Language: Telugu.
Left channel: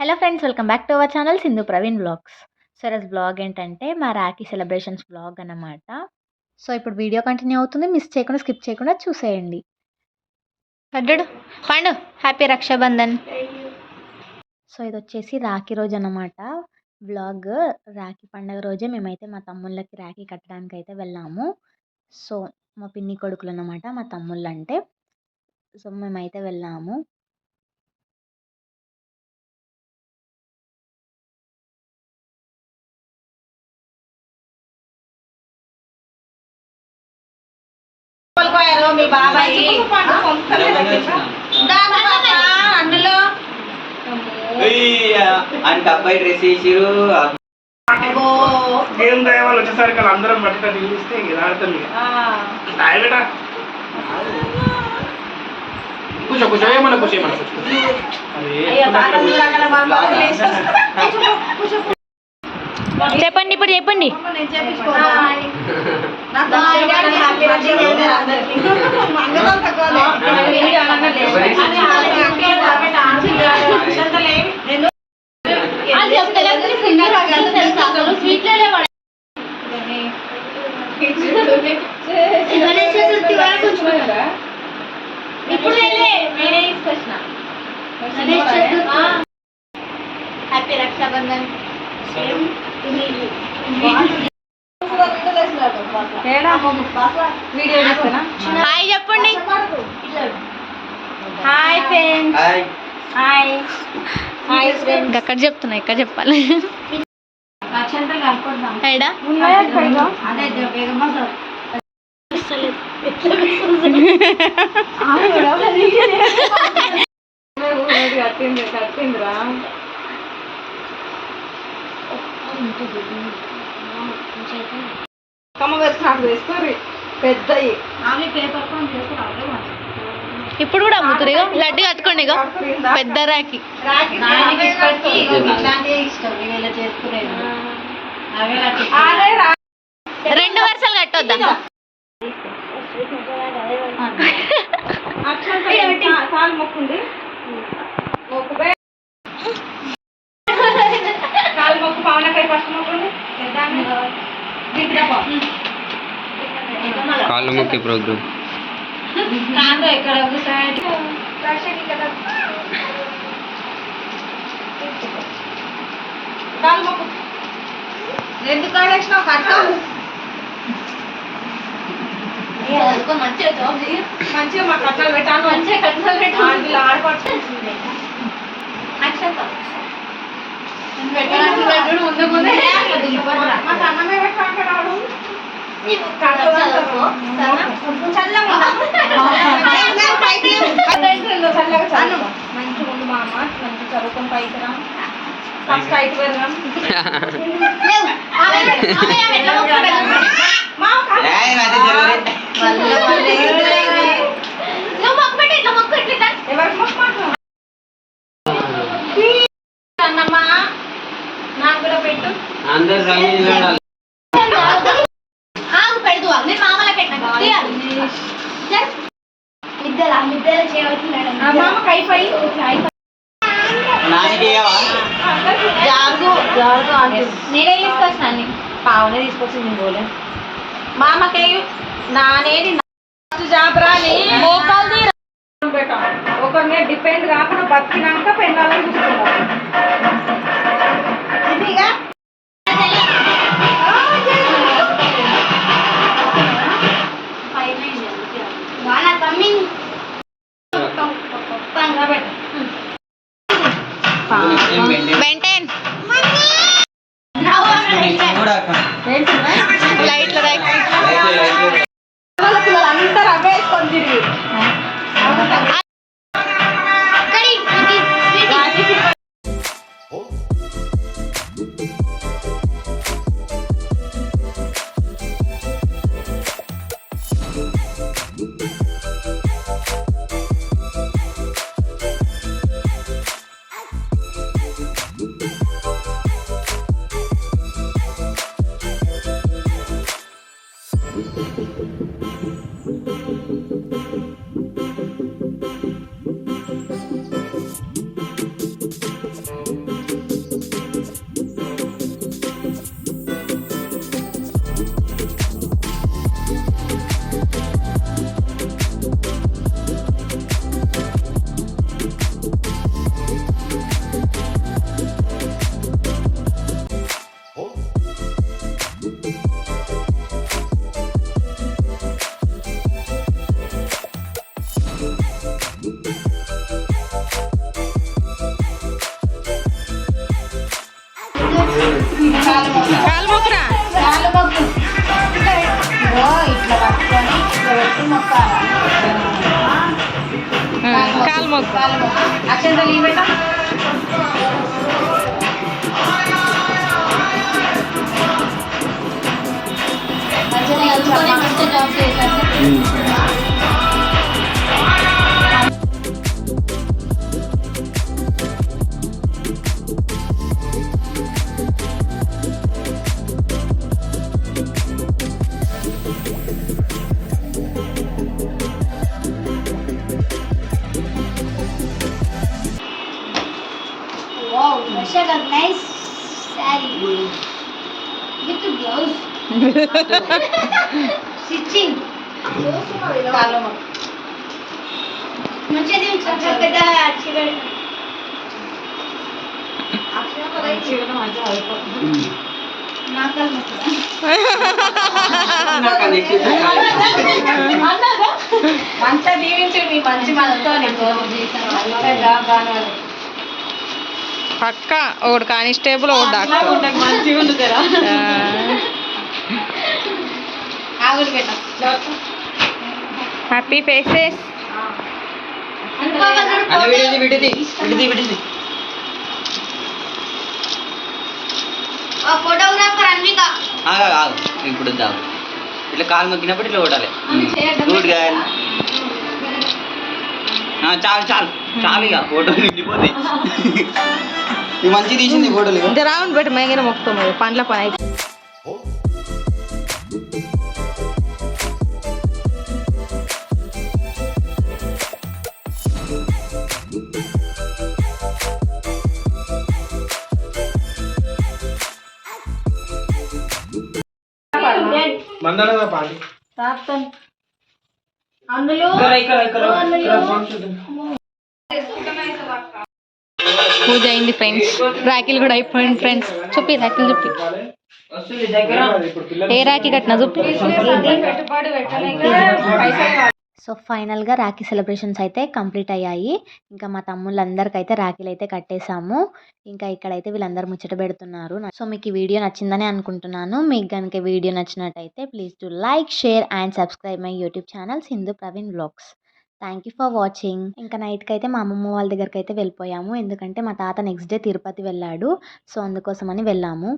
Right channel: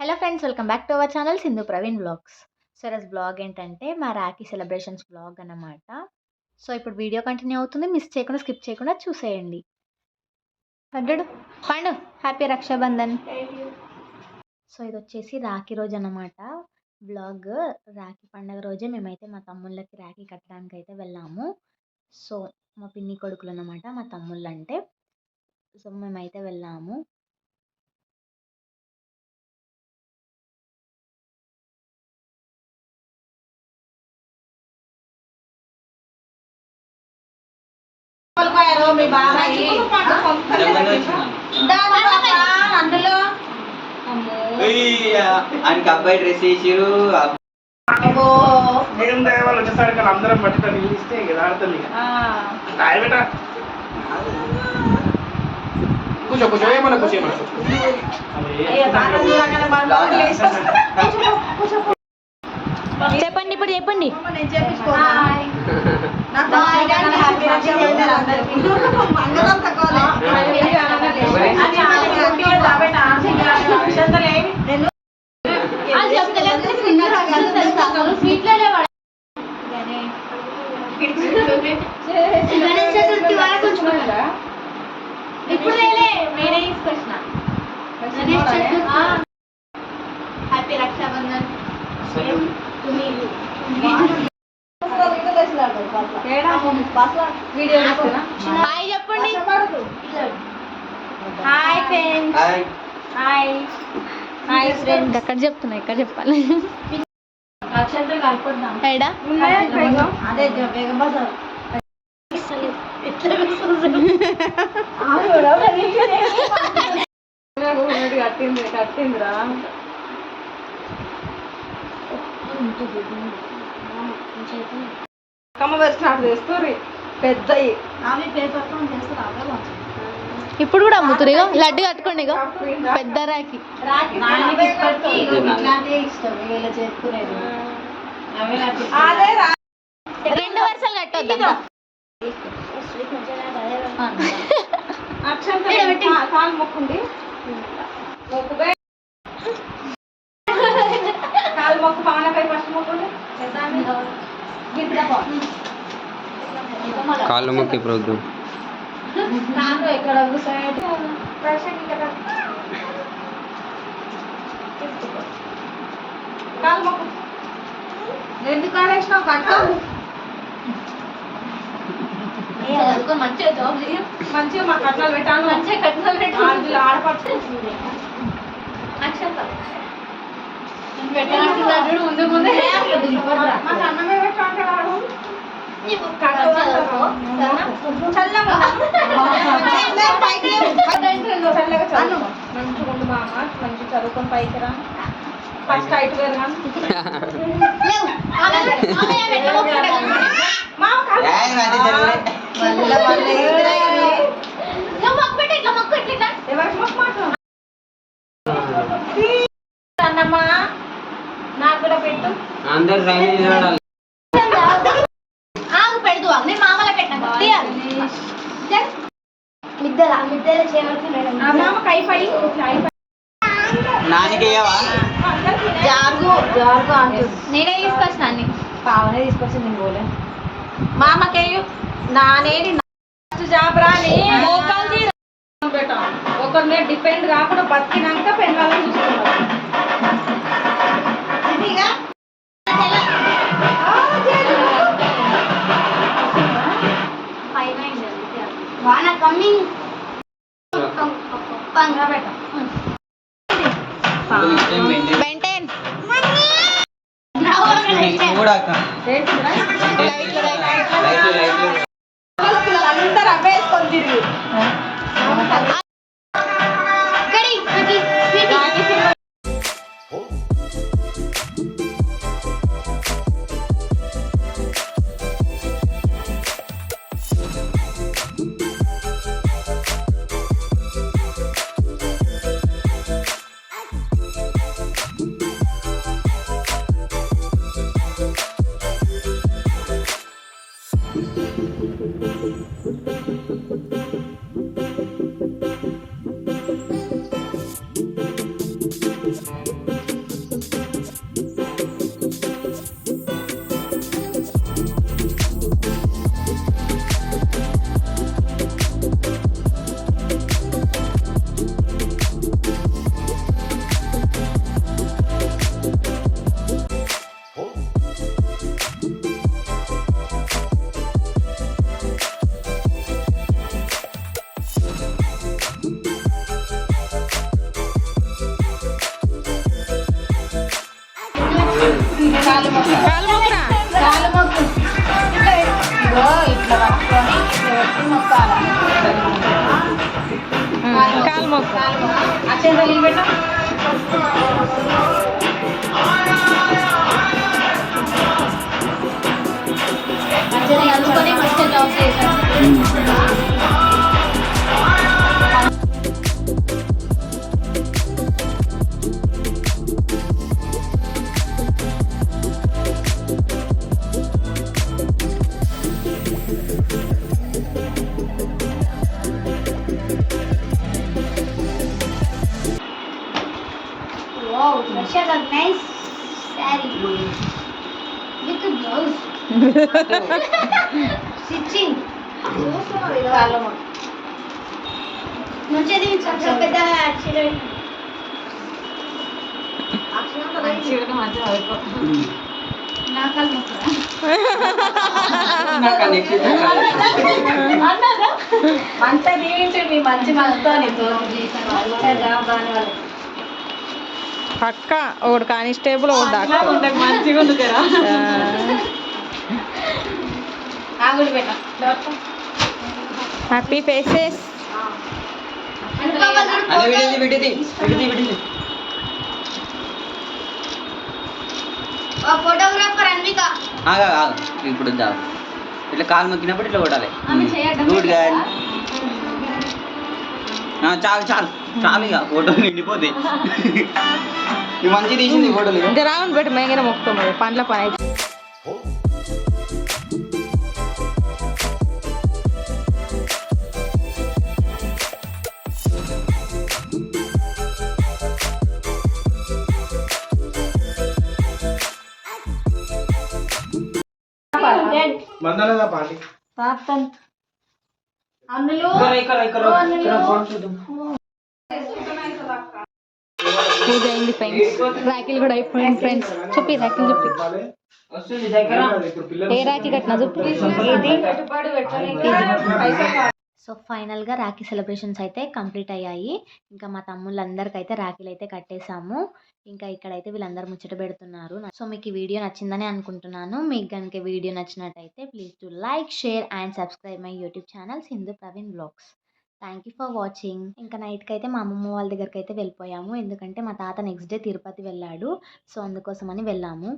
Hello friends, welcome back to our channel Sindhu Praveen vlogs. So ఈరోజు బ్లాగ్ ఏంటంటే మా రాఖీ సెలబ్రేషన్స్ బ్లాగ్ అన్నమాట. సో ఇప్పుడు వీడియో కంటిన్యూ అవుతుంది. మిస్ చేయకుండా స్కిప్ చేయకుండా చూసేయండి. పడ్డాడు పండు, హ్యాపీ రక్షాబంధన్. సో ఇది వచ్చేసి రాఖీ రోజు అన్నమాట. బ్లాగ్ రాఖీ పండుగ రోజే మేమైతే మా తమ్ముళ్ళకి రాఖీ కట్టడానికి అయితే వెళ్ళాము. సో మా పిన్ని కొడుకులు అన్నమాట, మా తమ్ముళ్ళు అంటే. సో మేమైతే వెళ్ళాము. మీ బాబాయ్ అందులో అబ్బాయి డ్రెస్ వేసిరు. ఏం వాళ్ళు వచ్చేసరికి అందరం పట్టుకొని చూస్తే ఇక ఆడతాం. ఇక కూర్చో కూర్చో ఏమన్నా కూర్చో చెప్పండి, ఇప్పుడు చెప్పండి. హ్యాపీ రక్షాబంధన్. హాయ్ చెప్పండి. Hi friends. Hi hi friends. అక్కడ చెప్తున్నా, ఇక్కడ చెప్పాలి. ఎడా కట్టిందిరా కమ్మ వేసుకున్నట్టు వేస్తుంది పెద్దయి. ఇప్పుడు కూడా అమ్ముతురు. లడ్డు కట్టుకోండి, ఇక పెద్ద రాఖీ. 2 వరుసలు కట్టొద్దా? కాలు మొక్కుంది, కాలు మొక్కు పవనకాయ ఫస్ట్ మొక్కుంది. కాళ్ళు మొక్కి ప్రోగ్రామ్ ఇక్కడ కాలు మొక్కు. ఎందుకు కాడేసినావు? కట్టావు మంచిగా మా కట్నాలు పెట్టాను. మంచిగా కట్నాలు పెట్టాను. ఆడపడుతుంది ముందు ముందే మాకు అన్నమే పెట్టాడు. చల్లగా చదువు, మంచిగా ఉండు మామ, మంచి చదువుకొని పైకి రా. ఫస్ట్ అయితే వెళ్ళాం. అన్నమ్మా నాకు కూడా పెట్టు. అందరు పెడదు అన్నీ మామూలు పెట్టిన మామ కై పై నేనే తీసుకొచ్చిన అన్ని. పావనే తీసుకొచ్చి నేను పోలే. మామకేయు నానేది జాబరా మోకాలు ఒకరి మీద డిపెండ్ కాకుండా బతికినాక పెళ్ళాలని చూసుకున్నాను. బెంటెన్ లైట్లు అందరు అవే వేసుకొని తిరిగి కాలు మొక్కురా. ఇట్లా పట్టుకొని ఇట్లా పెట్టి మొక్కాలా. కాలు మొక్కు. అక్షంత లీవ్ పెట్టా. మంచిగా చదువుకొని మంచిగా జాబ్ చేశాను. Wow, Russia got nice saree with the blouse. Stitching. కాలు మొక్కు. మంచిది చాలా పెద్ద చీర. మంచిగా మంచిగా చదువుకో. నా కాలు మొక్కురా. మంచిగా దీవించండి మీ మంచి మనసుతో పక్క ఒకటి కానిస్టేబుల్ ఒకటి డాక్టర్ మంచిగా ఉంది కదా. ఆగులు పెట్ట. Happy faces. ఫోటోగ్రాఫర్ అన్విక. ఇప్పుడు ఇట్లా కాలు మొక్కినప్పుడు ఇట్లా కొట్టాలి. ఆమె చేయడం గుడ్ గా చాలు చాలు చాలు ఇక ఫోటో నిండిపోతాయి. ఇవి మంచి తీసింది ఫోటోలు. ఇంత రావును పెట్టి మేఘన మొక్కుతాం పండ్ల పని అయితే. మందనదా పాటి అందులో పూజ అయింది ఫ్రెండ్స్. రాఖీలు కూడా అయిపోయింది ఫ్రెండ్స్. చెప్పి రాఖీలు చెప్పి ఏ రాఖీ కట్టినా చెప్పి. సో ఫైనల్గా రాఖీ సెలబ్రేషన్స్ అయితే కంప్లీట్ అయ్యాయి. ఇంకా మా తమ్ముళ్ళందరికైతే రాఖీలు అయితే కట్టేశాము. ఇంకా ఇక్కడైతే వీళ్ళందరూ ముచ్చట పెడుతున్నారు. సో మీకు ఈ వీడియో నచ్చిందని అనుకుంటున్నాను. మీకు కనుక వీడియో నచ్చినట్టయితే please to like, share and subscribe my YouTube channel Sindhu Praveen vlogs. Thank you for watching. ఇంకా నైట్కి అయితే మా అమ్మమ్మ వాళ్ళ దగ్గరికి అయితే వెళ్ళిపోయాము. ఎందుకంటే మా తాత నెక్స్ట్ డే తిరుపతి వెళ్ళాడు. సో అందుకోసమని వెళ్ళాము.